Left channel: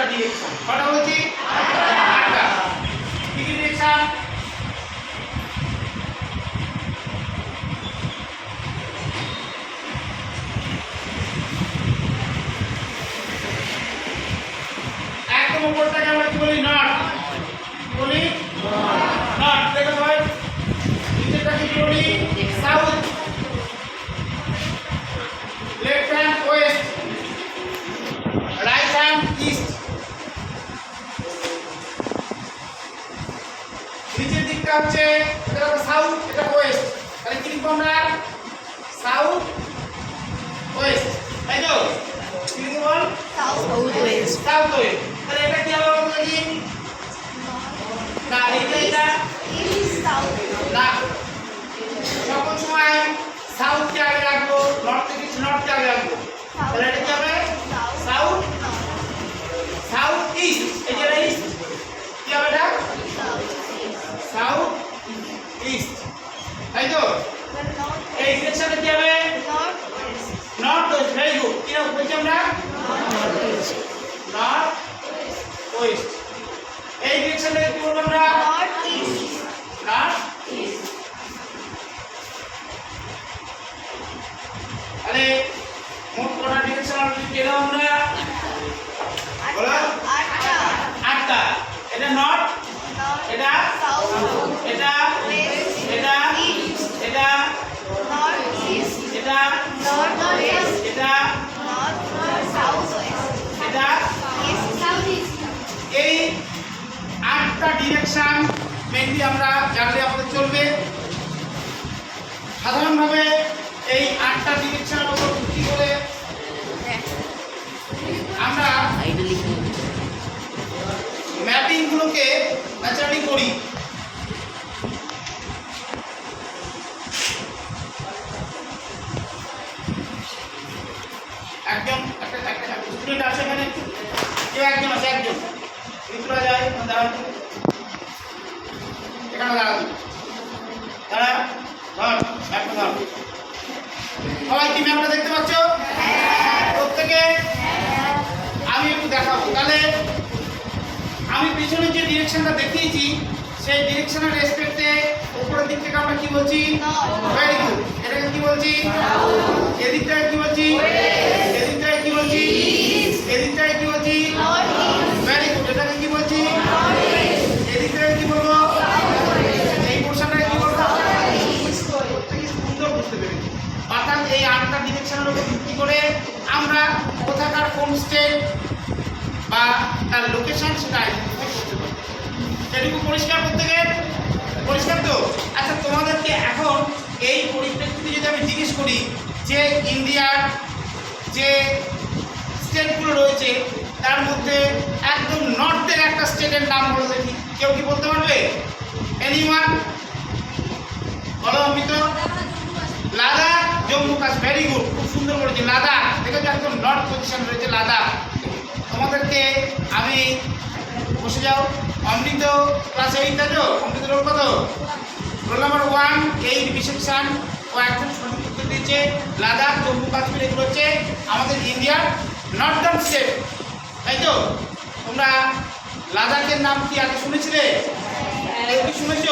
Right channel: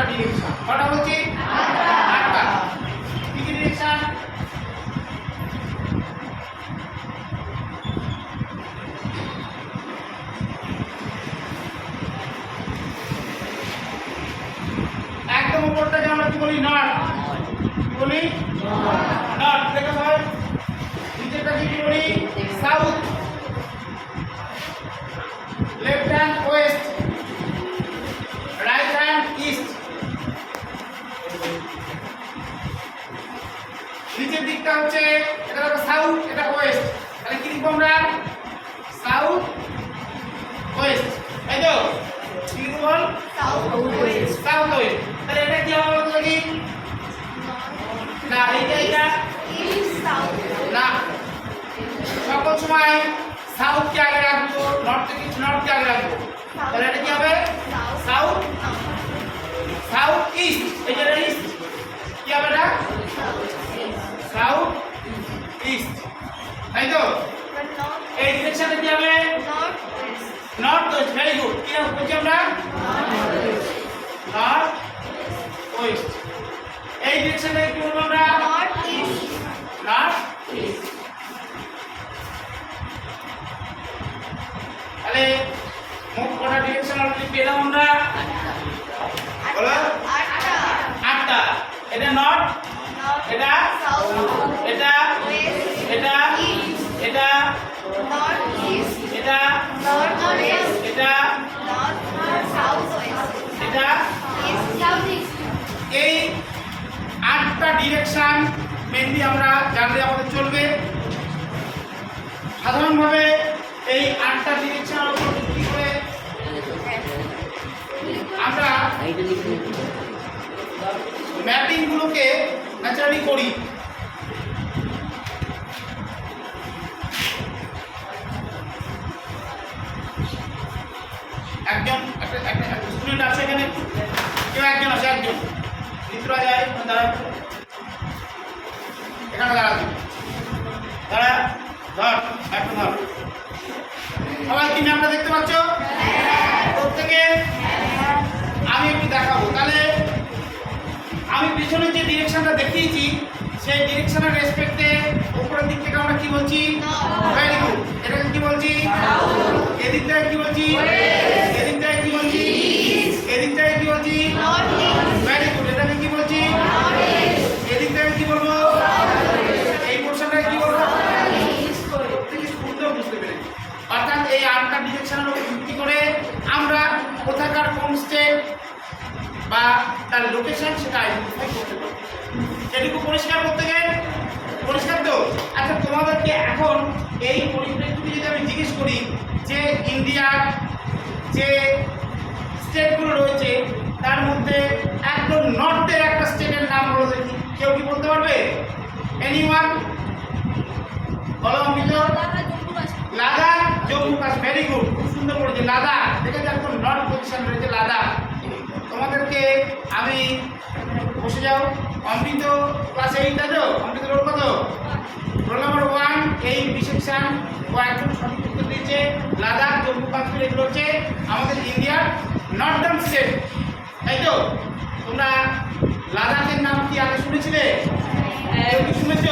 আটটা ডিরেকশন। কটা বলছি? আটটা কি কি ডিরেকশন? একদম উপরটাকে আমরা কি বলি? নর্থ বলি? নর্থ দেখো সবাই। নিচেরটাকে কি বলি? সাউথ। নিচের দিকটা হচ্ছে এটা হলো সাউথ এটা ওয়েস্ট তাহলে কি লিখব আমরা? সাউথ ওয়েস্ট তাই তো? কি লিখব বল? সাউথ ওয়েস্ট সাউথ ওয়েস্ট তাহলে এটা কি হবে বলতো দেখি? না এইটা এটা না। সকল সময় সাউথকে আগে রাখব নর্থে কিছু নর্থকে আগে রাখব। তাহলে কি হবে নর্থ ওয়েস্ট ভেরি গুড কি হবে বলছি আমরা নর্থ ওয়েস্ট এই ডিরেকশনটাকে কি বলব আমরা ডিরেকশন মেনলি আমরা জানলে আমাদের চলবে। সাধারণভাবে এই আটটা চিকিৎসার উপর ভিত্তি করে আমরা ম্যাপিংগুলোকে ন্যাচারালি করি। পিছনে যে ডিরেকশনটা দেখিয়েছি, সেই ডিরেকশনের রেসপেক্টে উপরের দিক থেকে আমরা কি বলছি? ভেরি গুড এটাকে কি বলছি? এদিকটায় কি বলছি? এদিকটায় কি বলছি? এদিকটায় কি বলছি ভেরি গুড এটাকে কি বলছি এদিকটায় কি বলব এই পোর্শনটাকে কি বলব প্রত্যেকে সুন্দর বুঝতে পেরেছি অর্থাৎ এই আটটা ডিরেকশনের উপর ভিত্তি করে আমরা কোথাকার কোন স্টেট বা তার লোকেশন সেটা আইডেন্টিফাই করতে পারব সেটুকু পরিষ্কার করতে গেলে পরিষ্কার তো? আচ্ছা তোমাদেরকে এখন এই পরিপ্রেক্ষিতে যদি আমি জিজ্ঞেস করি যে ইন্ডিয়ার যে স্টেটগুলো রয়েছে, তার মধ্যে একদম নর্থের একটা স্টেটের নাম বলো দেখি। কেউ কি বলতে পারবে? এনিওয়ান বলো অমিত। লাদাখ, জম্মু কাশ্মীর। ভেরি গুড খুব সুন্দর করেছে। লাদাখ, দেখেছ একদম নর্থ পজিশন রয়েছে লাদাখ। তোমাদেরকে আমি বসে যাও। অমৃত ক্লাস এইট তো অমৃত রোল কত? Roll number one eight B section ও একদম সঠিক উত্তর দিয়েছে। লাদাখ, জম্মু, কাশ্মীর, এগুলো হচ্ছে আমাদের ইন্ডিয়ার নর্দার্ন স্টেট। তাই তো? তোমরা লাদাখের নাম কি আগে শুনেছিলে? কেউ কি শুনেছ?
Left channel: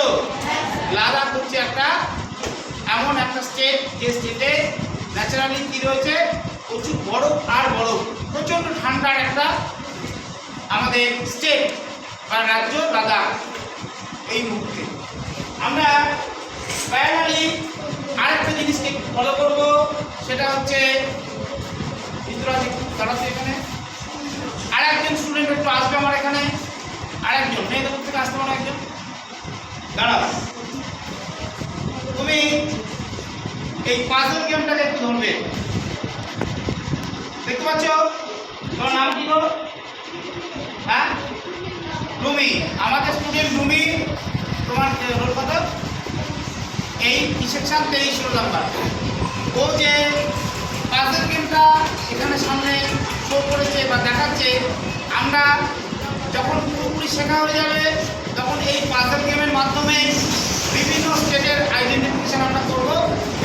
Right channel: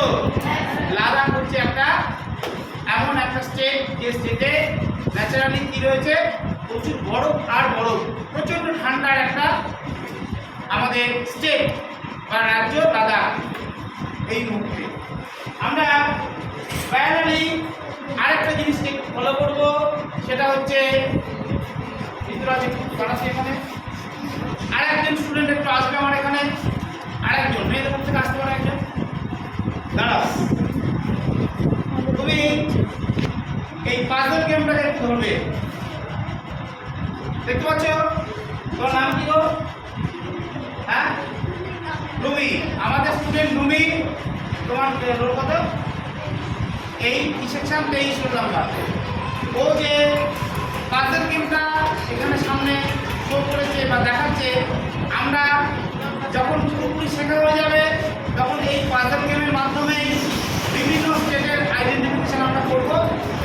লাদাখ হচ্ছে একটা এমন একটা স্টেট যে স্টেটে ন্যাচারালি কি রয়েছে? প্রচুর বরফ আর বরফ। প্রচণ্ড ঠান্ডার একটা আমাদের স্টেট। বা রাজ্য লাদাখ এই মুহূর্তে। আমরা প্যারালি আরেকটা জিনিসকে ফলো করব, সেটা হচ্ছে আছে দাঁড়াচ্ছে এখানে। আরেকজন স্টুডেন্ট একটু আসবে আমার এখানে। আরেকজন মেয়েদের মধ্যে থেকে আসতে পারে একজন। দাঁড়াও। তুমি এই পাজল গেমটাকে একটু ধরবে। দেখতে পাচ্ছ? তোমার নাম কি হ্যাঁ? রুমি, আমাদের স্টুডেন্ট রুমি, তোমার রোল কত? এই সেকশন তেইশ রোল নাম্বার ও যে পাজল গেমটা এখানে সামনে শো করেছে বা দেখাচ্ছে, আমরা যখন পুরোপুরি শেখা হয়ে যাবে, তখন এই পাজল গেমের মাধ্যমেই বিভিন্ন স্টেটের আইডেন্টিফিকেশন আমরা করব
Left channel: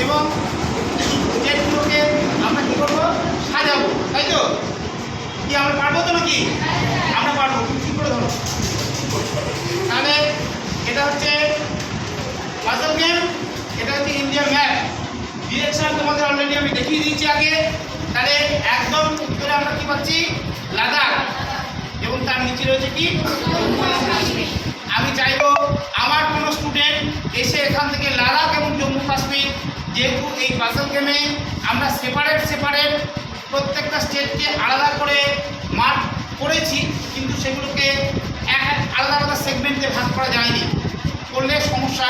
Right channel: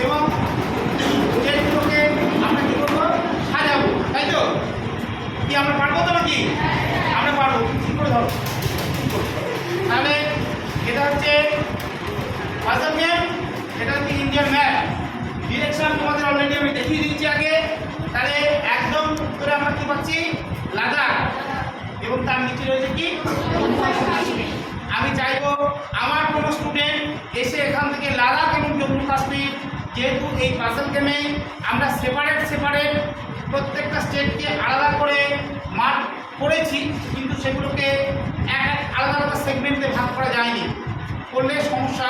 এবং স্টেটগুলোকে আমরা কী করব? সাজাবো, তাই তো? কি, আমরা পারব তো নাকি? আমরা তাহলে এটা হচ্ছে পাজল গেম এটা হচ্ছে ইন্ডিয়া ম্যাপ ডিরেকশন তোমাদের অলরেডি আমি দেখিয়ে দিয়েছি আগে। তাহলে একদম উত্তরে আমরা কি পাচ্ছি? লাদাখ। এবং তার নিচে রয়েছে কি? আমি চাইব আমার কোনো স্টুডেন্ট এসে এখান থেকে লাদাখ এবং জম্মু কাশ্মীর, যেহেতু এই পাজল গেমে আমরা সেপারেট সেপারেট প্রত্যেকটা স্টেটকে আলাদা করে মার্ক করেছি, কিন্তু সেগুলোকে এক এক আলাদা আলাদা সেগমেন্টে ভাগ করা যায়নি। করলে সমস্যা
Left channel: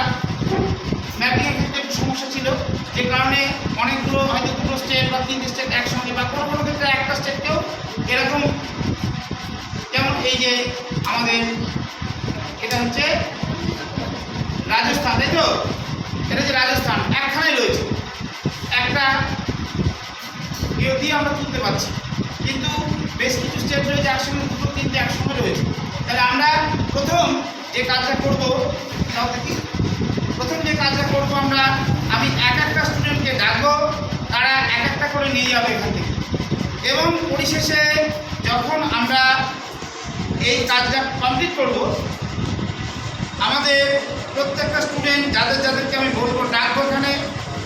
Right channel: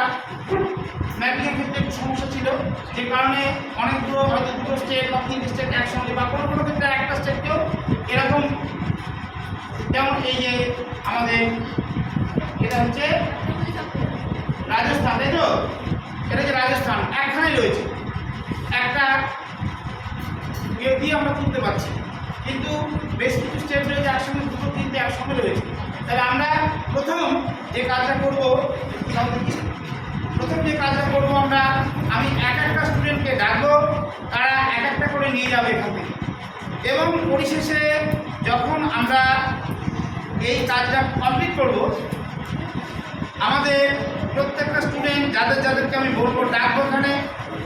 ম্যাপিংয়ের ক্ষেত্রে একটু সমস্যা ছিল। যে কারণে অনেকগুলো হয়তো দুটো স্টেট বা তিনটে স্টেট একসঙ্গে বা কোনো কোনো ক্ষেত্রে একটা স্টেটকেও এরকম যেমন এই যে আমাদের এটা হচ্ছে রাজস্থান, তাই তো? এটা যে রাজস্থান একখানেই রয়েছে। একটা ইয়ে দিয়ে আমরা তুলতে পারছি। কিন্তু বেশ কিছু স্টেট রয়েছে একসঙ্গে, দুটো তিনটে একসঙ্গে রয়েছে। তাহলে আমরা প্রথম যে কাজটা করব দেখি। প্রথম যে কাজটা করব আমরা আমি এক একটা স্টুডেন্টকে ডাকবো তারা এক একটা করে নিয়ে যাবে এখান থেকে। এবং পরিশেষে যখন আমরা এই কাজটা কমপ্লিট করব আমাদের প্রত্যেকটা স্টুডেন্ট যাদের যাদেরকে আমি বলব ডাকবো এখানে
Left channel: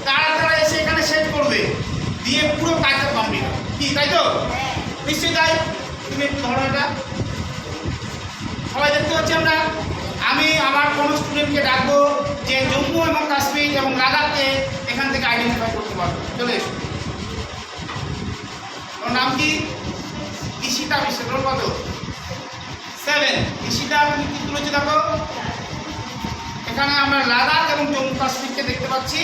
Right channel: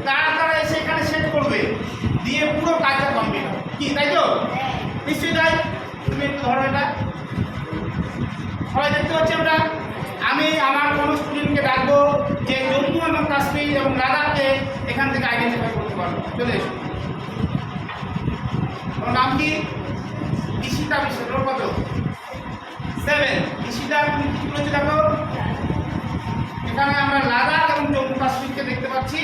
তারা তারা এসে এখানে সেট করবে দিয়ে পুরো কাজটা কমপ্লিট হবে। কি তাই তো? নিশ্চয়ই তাই? তুমি একটু ধরো এটা। সবাই দেখতে পাচ্ছি আমরা। আমি আমার কোনো স্টুডেন্টকে ডাকবো যে জম্মু এবং কাশ্মীর এবং লাদাখকে এখান থেকে আইডেন্টিফাই করতে পারব চলে এসো। ওর নাম কি? ঈশিতা বিশ্ব। ওর কত? সেভেন ঈশিতা, তুমি কি তুলেছো দেখো? এখানে আমরা লাদাখ এবং জম্মু কাশ্মীরকে দেখতে পাচ্ছি।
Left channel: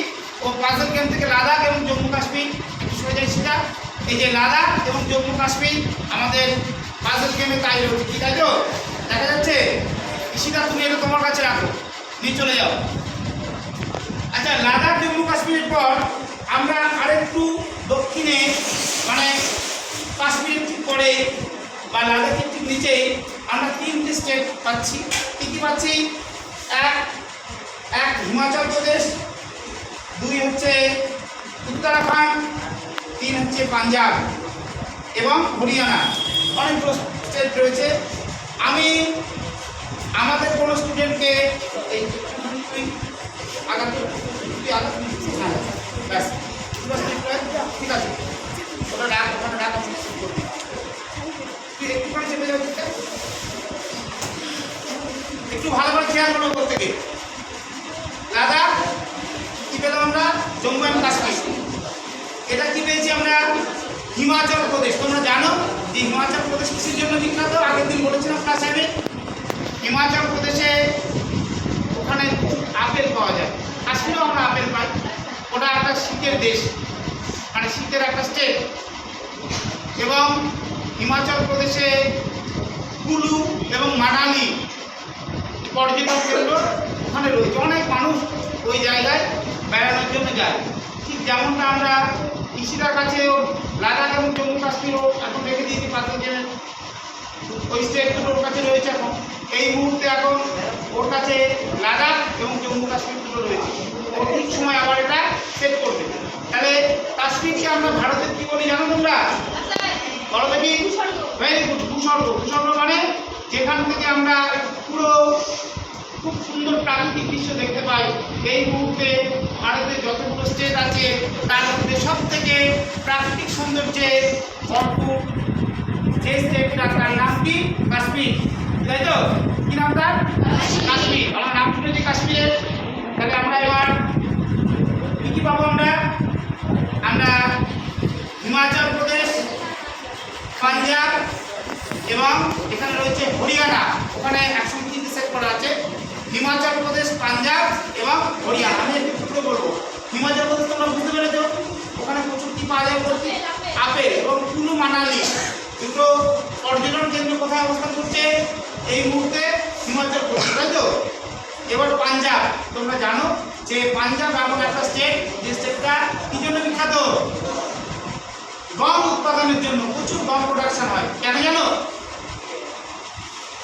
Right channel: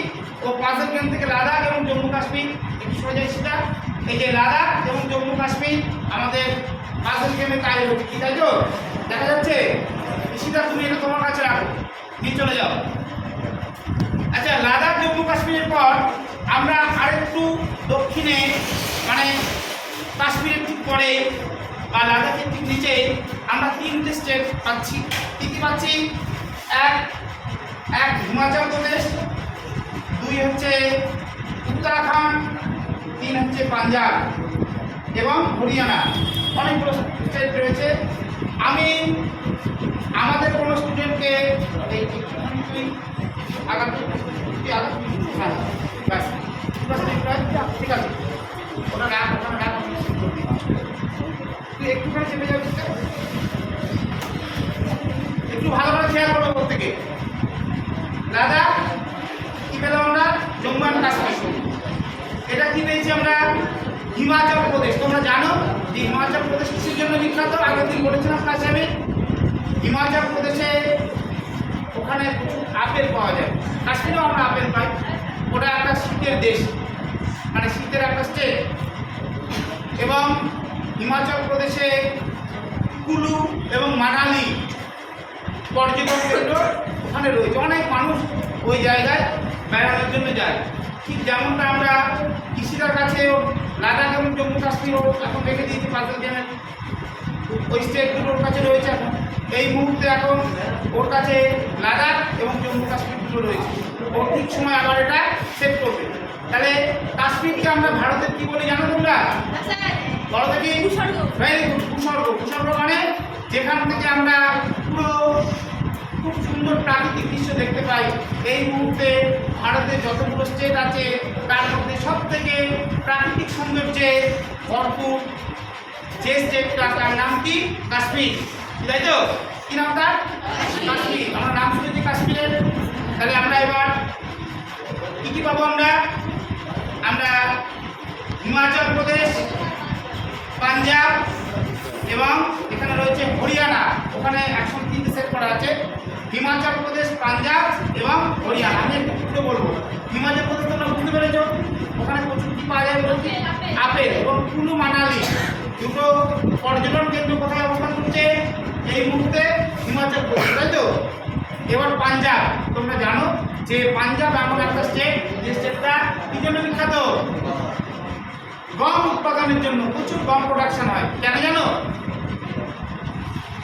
ও পাজল গেম থেকে লাদাখ এবং জম্মু কাশ্মীর। একটু সরে যায় সেটা এই যে লাদাখ এবং জম্মু কাশ্মীর আমাদের পাজল গেমে তাই রয়েছে। কি তাই তো? দেখা যাচ্ছে? ঈশিতা তুমি এটা তোমার কাছে রাখো। নিয়ে চলে যাও। আচ্ছা লাদাখ, জম্মু, কাশ্মীরের পর আমরা আরেকটু দক্ষিণে মানে কাশ্মীরের ঠিক পরে বা লাদাখের ঠিক নিচে আমরা তিনটে স্টেট পাচ্ছি। কী কী পাচ্ছি? এক এক হিমাচল প্রদেশ, দুই হচ্ছে উত্তরাখণ্ড, তিন হচ্ছে পাঞ্জাব এবং হরিয়ানা। অনেকগুলো স্টেট রয়েছে। আমি আমাদের কোনো স্টুডেন্টকে এই তুই হ্যাঁ ঠিক আছে। ওটা তুই একটুখানি চেপে। একটু ভালো করে খেয়াল করব প্রত্যেকে দাদা, কি পেলাম আমরা? জম্মু অ্যান্ড কাশ্মীর। এটা কি পেয়েছি আমরা? হিমাচল প্রদেশ। তোমরা জানো? যে হিমাচল প্রদেশ কিসের জন্য বিখ্যাত, আগের দিন বলেছিলাম ক্লাসে হিমাচল প্রদেশে ওখানে আপেল পাওয়া যায়। কাশ্মীরেও আমরা আপেল পাই। ওটা একটা শীতের দেশ মানে শীতের একটা স্টেট এবং হিমাচল প্রদেশে কুলু এবং মানালি পর্যটন কেন্দ্র ওখানে রয়েছে। অনেক মানুষ ওই জায়গায় বেড়ানোর জন্য যায়। ঠিক যেমনটা আমরা কৃষিরার কাছেও লাদাখ এবং জম্মু কাশ্মীরও এখন রেখে দিয়েছি যে ওই স্টেটগুলো ওর কাছে রয়েছে এখন। এই মুহূর্তে এখন ওর কাছে লাদাখ এবং জম্মু কাশ্মীরগুলো রয়েছে। ও ঠিক সময় আবার এটা সেট করবে। তাহলে কাশ্মীরকে আমরা ভারতের কি বলি জানো তোমরা? বলো দেখি ভেরি গুড ভূস্বর্গ। ভূস্বর্গ মানে যেখান থেকে আমরা পুরো খুব সুন্দর প্রাকৃতিক দৃশ্য দেখতে পাই। এই মুহূর্তে ভারতের যতগুলো স্টেট আছে, তার মধ্যে সব থেকে প্রাকৃতিক সৌন্দর্যে ভরপুর যে স্টেটটা তার নাম কি? কাশ্মীর। তাই তো? কি নাম তার? কাশ্মীর। আমার নাম শুনেছি কাশ্মীরের। তাহলে আমরা এবার কি কি পাবো আমরা? আমরা হিমাচল প্রদেশ, পাঞ্জাব এবং এখানে রয়েছে হরিয়ানা। ওখানে একশো তিনটে সেট করা আছে। হিমাচল প্রদেশ পাঞ্জাব এবং হরিয়ানা। আমি একটু পুরো বলব। হিমাচল প্রদেশ তোমরা বুঝতে পেরেছ ওখানে প্রচুর কি পাওয়া যায় বলছি? আপেল। এবং কুলু মানালি। দুটো পর্যটন কেন্দ্র কোথায় অবস্থান করছে? এই মুহূর্তে হিমাচল প্রদেশ তাই তো? এবার পাঞ্জাব। তোমরা জানো যে পাঞ্জাব এমন একটা স্টেট যে স্টেটটা কি জন্য বিখ্যাত? গম উৎপাদনের জন্য প্রচুর গম প্রোডাকশন হয়। কেন জানো?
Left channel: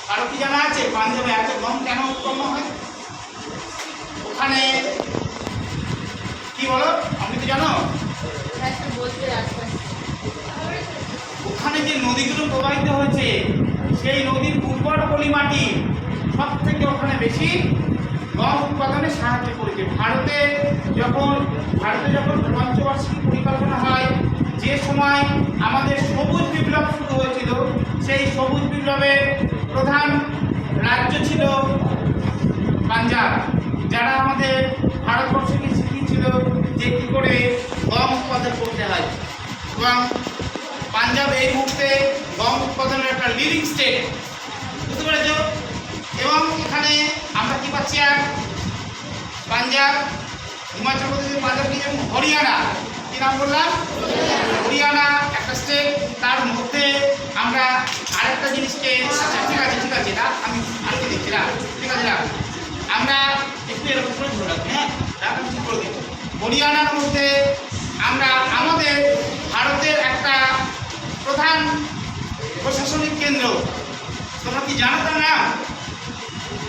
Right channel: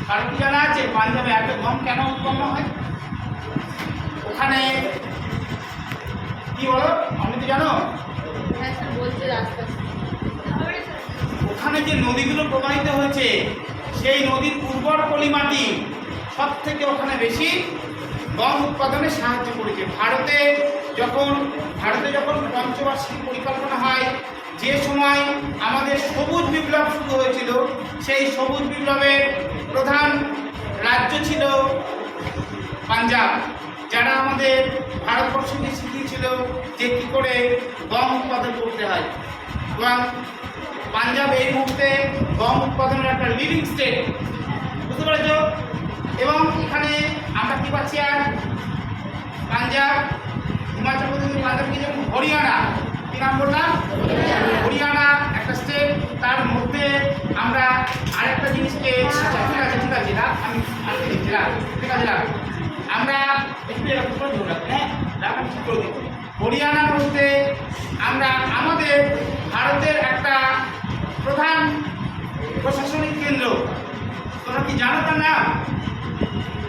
কারও কি জানা আছে পাঞ্জাবে এত গম কেন উৎপন্ন হয়? ওখানে কি বলো? আপনি তো জানো? ওখানে যে নদীগুলো প্রবাহিত হয়েছে, সেই নদীর উর্বর পলি মাটি সব থেকে ওখানে বেশি গম উৎপাদনে সাহায্য করেছে। ভারতে যখন ভারতে যখন পঞ্চবার্ষিক পরিকল্পনা হয়, যে সময় আমাদের সবুজ বিপ্লব শুরু হয়েছিল, সেই সবুজ বিপ্লবের প্রধান রাজ্য ছিল পাঞ্জাব, যারা আমাদের ভারতবর্ষকে শিখিয়েছিল যে কী করে গম উৎপাদন করতে হয়। এবং পাঞ্জাব এই মুহূর্তে গম উৎপাদনের একটা লিডিং স্টেট বুঝতে পেরেছ? এবং এখানে আমরা কী পাচ্ছি আর? পাঞ্জাব, হিমাচল প্রদেশের পাঞ্জাব কি যেমন হরিয়ানা, কি নাম বললাম? হরিয়ানা একটা স্টেট তার মধ্যে আমরা আরেকটা জিনিসকে আচ্ছা ঠিক আছে ঠিক আছে না আমি আটকে দিচ্ছি না ঠিক আছে না আমরা একটু এরকম করে ধরে রাখি হ্যাঁ? রাখ আমি ঠিক করে দিচ্ছি। হরিয়ানার মধ্যে আমরা আমাদের ভারতের একটা প্রধান প্রশাসনিক কেন্দ্র। তোমরা কি জানো তার নাম?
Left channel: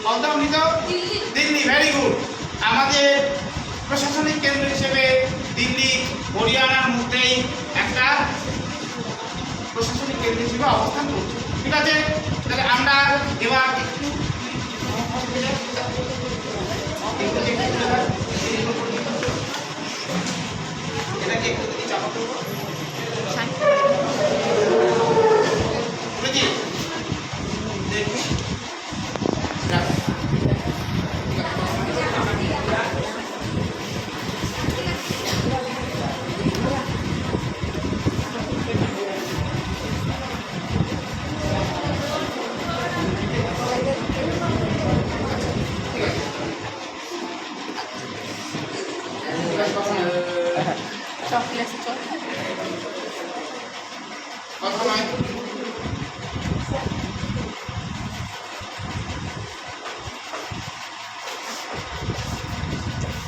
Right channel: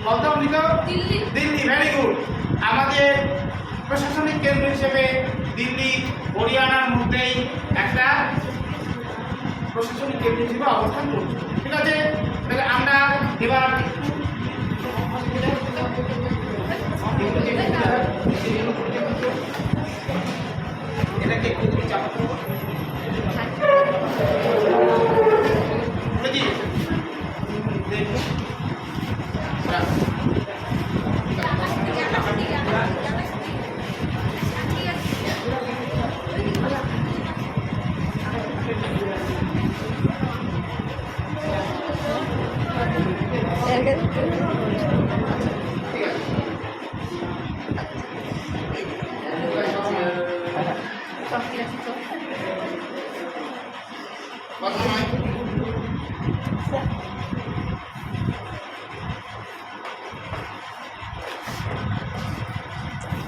বলতো মৃত দিল্লি। ভেরি গুড আমাদের প্রশাসনিক কেন্দ্র হিসেবে দিল্লি হরিয়ানার মধ্যেই একটা প্রশাসনিক কেন্দ্র হিসেবে অবস্থান করছে। ঠিক আছে? তাহলে আমরা এবার